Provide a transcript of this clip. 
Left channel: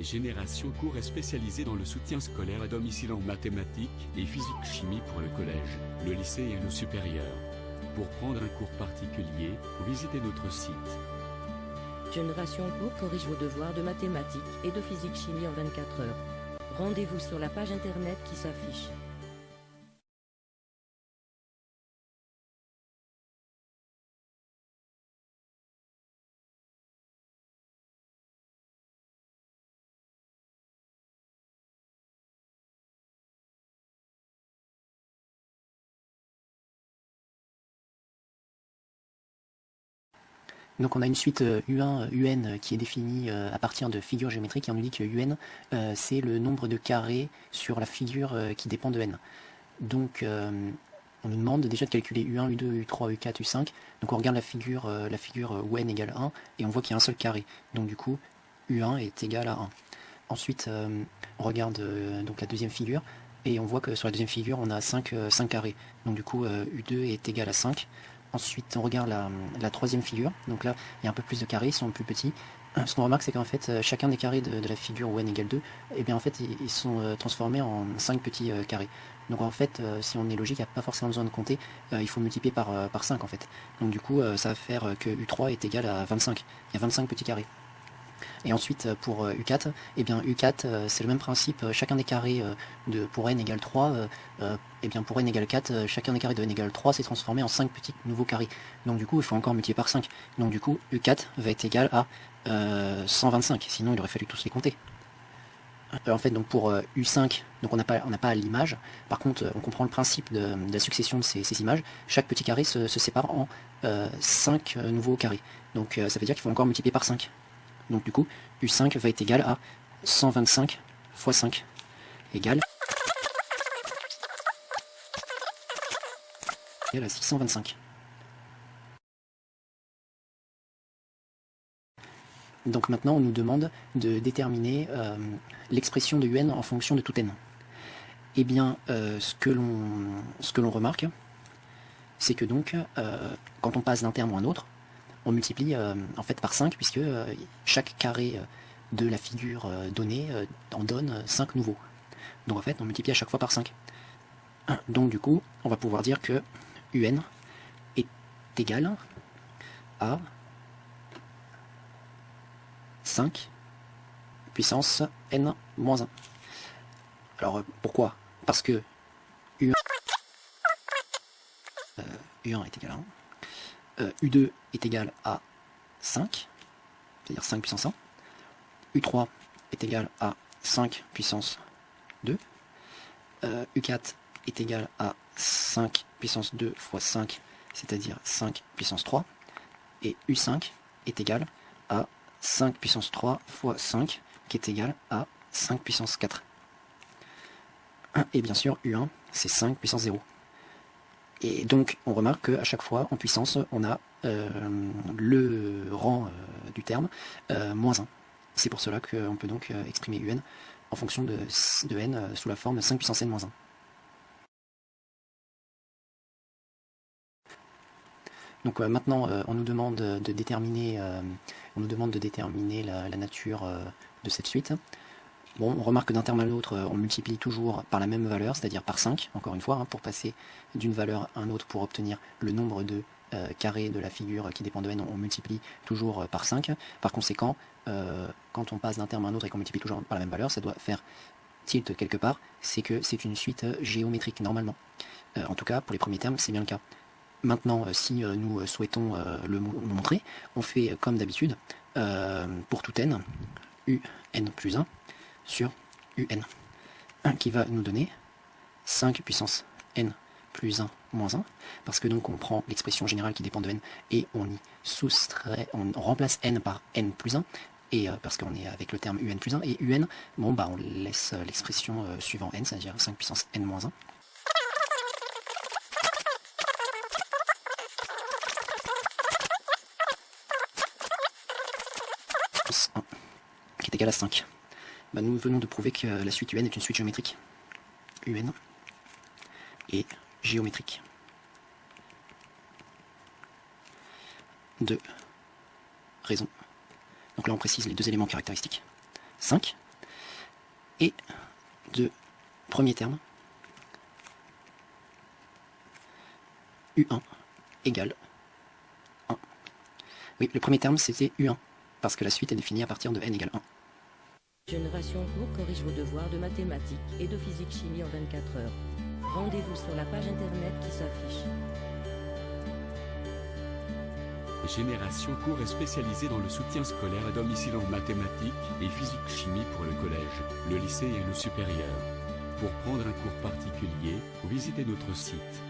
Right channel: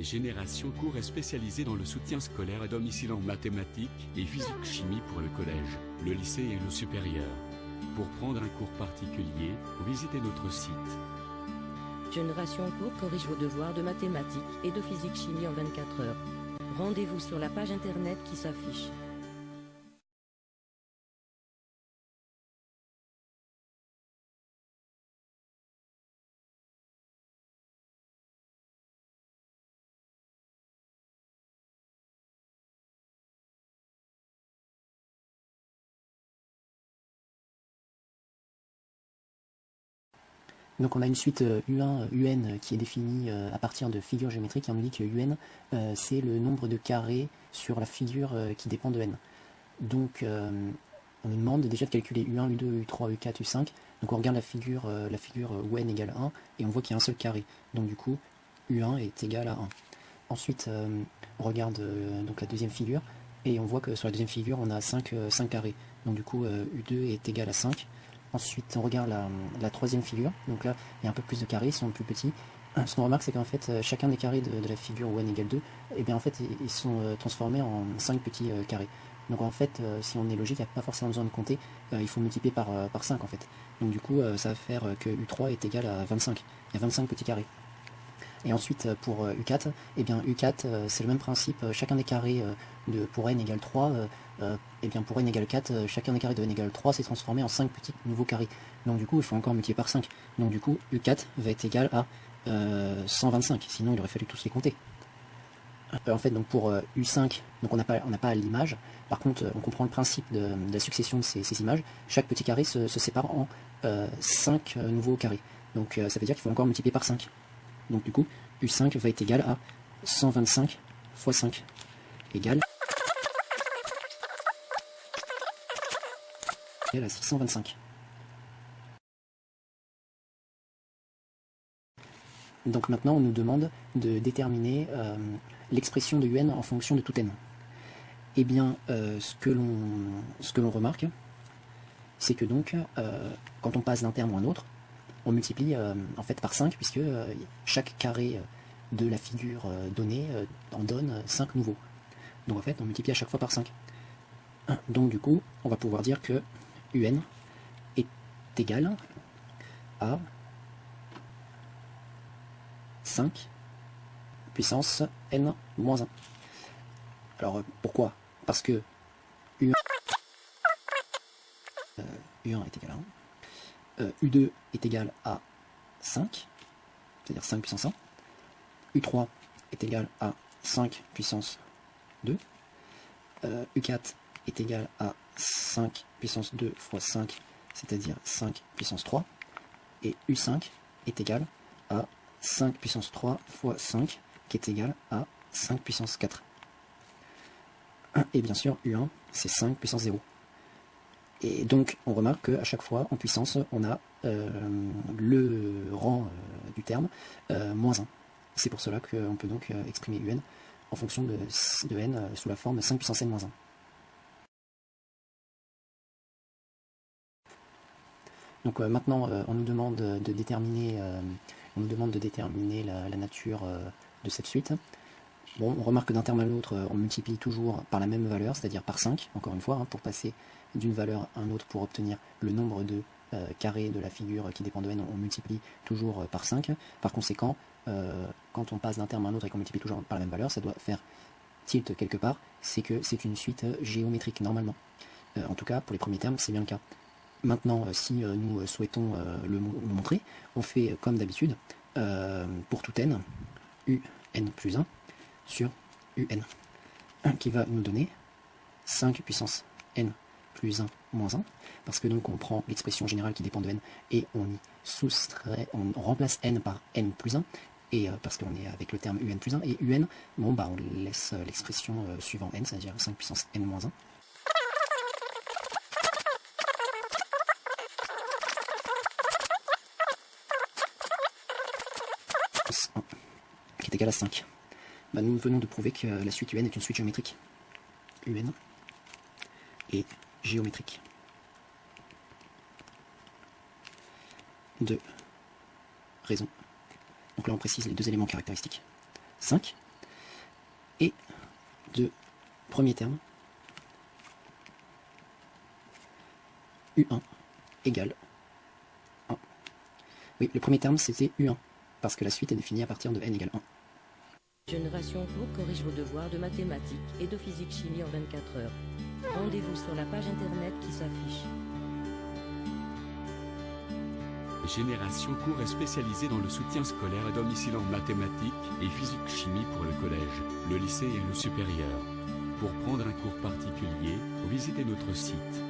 Génération Cours est spécialisée dans le soutien scolaire à domicile en mathématiques et physique-chimie pour le collège, le lycée et le supérieur. Pour prendre un cours particulier, visitez notre site. Génération Cours corrige vos devoirs de mathématiques et de physique-chimie en 24 heures. Rendez-vous sur la page internet qui s'affiche. Donc on a une suite U1, UN qui est définie à partir de figures géométriques et on nous dit que UN c'est le nombre de carrés sur la figure qui dépend de N. Donc on nous demande déjà de calculer U1, U2, U3, U4, U5. Donc on regarde la figure où N égale 1 et on voit qu'il y a un seul carré. Donc du coup U1 est égal à 1. Ensuite on regarde donc la deuxième figure et on voit que sur la deuxième figure on a 5 carrés. Donc du coup U2 est égal à 5. Ensuite, on regarde la troisième figure. Donc là, il y a un peu plus de carrés, ils sont plus petits. Ce qu'on remarque, c'est qu'en fait, chacun des carrés de la figure où n égale 2, et bien en fait, ils sont transformés en 5 petits carrés. Donc en fait, si on est logique, il n'y a pas forcément besoin de compter. Il faut multiplier par 5 en fait. Donc du coup, ça va faire que U3 est égal à 25. Il y a 25 petits carrés. Et ensuite, pour U4, eh bien U4, c'est le même principe. Chacun des carrés pour n égale 3, et bien pour n égale 4, chacun des carrés de n égale 3 s'est transformé en 5 petits nouveaux carrés. Donc du coup, il faut encore multiplier par 5. Donc du coup, U4 va être égal à 125. Sinon, il aurait fallu tous les compter. En fait, donc pour U5, donc on n'a pas l'image. Par contre, on comprend le principe de la succession de ces images. Chaque petit carré se sépare en 5 nouveaux carrés. Donc ça veut dire qu'il faut encore multiplier par 5. Donc du coup, U5 va être égal à 125 fois 5 égale à 625. Donc maintenant, on nous demande de déterminer l'expression de UN en fonction de tout n. Eh bien, ce que l'on remarque, c'est que donc, quand on passe d'un terme à un autre, on multiplie en fait par 5, puisque chaque carré de la figure donnée en donne 5 nouveaux. Donc en fait, on multiplie à chaque fois par 5. Donc du coup, on va pouvoir dire que UN est égal à 5 puissance n moins 1. Alors pourquoi? Parce que U1 est égal à 1, U2 est égal à 5, c'est-à-dire 5 puissance 1, U3 est égal à 5 puissance 2, U4 est égal à 5 puissance 2 fois 5, c'est-à-dire 5 puissance 3, et U5 est égal à 5 puissance 3 fois 5, qui est égal à 5 puissance 4. Et bien sûr, U1, c'est 5 puissance 0. Et donc, on remarque qu'à chaque fois, en puissance, on a le rang du terme moins 1. C'est pour cela qu'on peut donc exprimer UN en fonction de n sous la forme 5 puissance n moins 1. Donc maintenant, on nous demande de déterminer, la nature de cette suite. Bon, on remarque que d'un terme à l'autre, on multiplie toujours par la même valeur, c'est-à-dire par 5, encore une fois, pour passer d'une valeur à une autre pour obtenir le nombre de carrés de la figure qui dépend de n, on multiplie toujours par 5. Par conséquent, quand on passe d'un terme à un autre et qu'on multiplie toujours par la même valeur, ça doit faire tilt quelque part, c'est que c'est une suite géométrique, normalement. En tout cas, pour les premiers termes, c'est bien le cas. Maintenant, si nous souhaitons le montrer, on fait comme d'habitude, pour tout n, un plus 1 sur un qui va nous donner 5 puissance n plus 1 moins 1, parce que donc on prend l'expression générale qui dépend de n et on y soustrait, on remplace n par n plus 1, et parce qu'on est avec le terme un plus 1, et un, bon bah on laisse l'expression suivant n, c'est-à-dire 5 puissance n moins 1. Qui est égal à 5. Bah, nous venons de prouver que la suite UN est une suite géométrique. UN est géométrique. Deux raisons. Donc là on précise les deux éléments caractéristiques. 5 et de premier terme U1 égale 1. Oui, le premier terme c'était U1, parce que la suite est définie à partir de n égale 1. Génération Cours corrige vos devoirs de mathématiques et de physique-chimie en 24 heures. Rendez-vous sur la page internet qui s'affiche. Génération Cours est spécialisée dans le soutien scolaire à domicile en mathématiques et physique-chimie pour le collège, le lycée et le supérieur. Pour prendre un cours particulier, visitez notre site.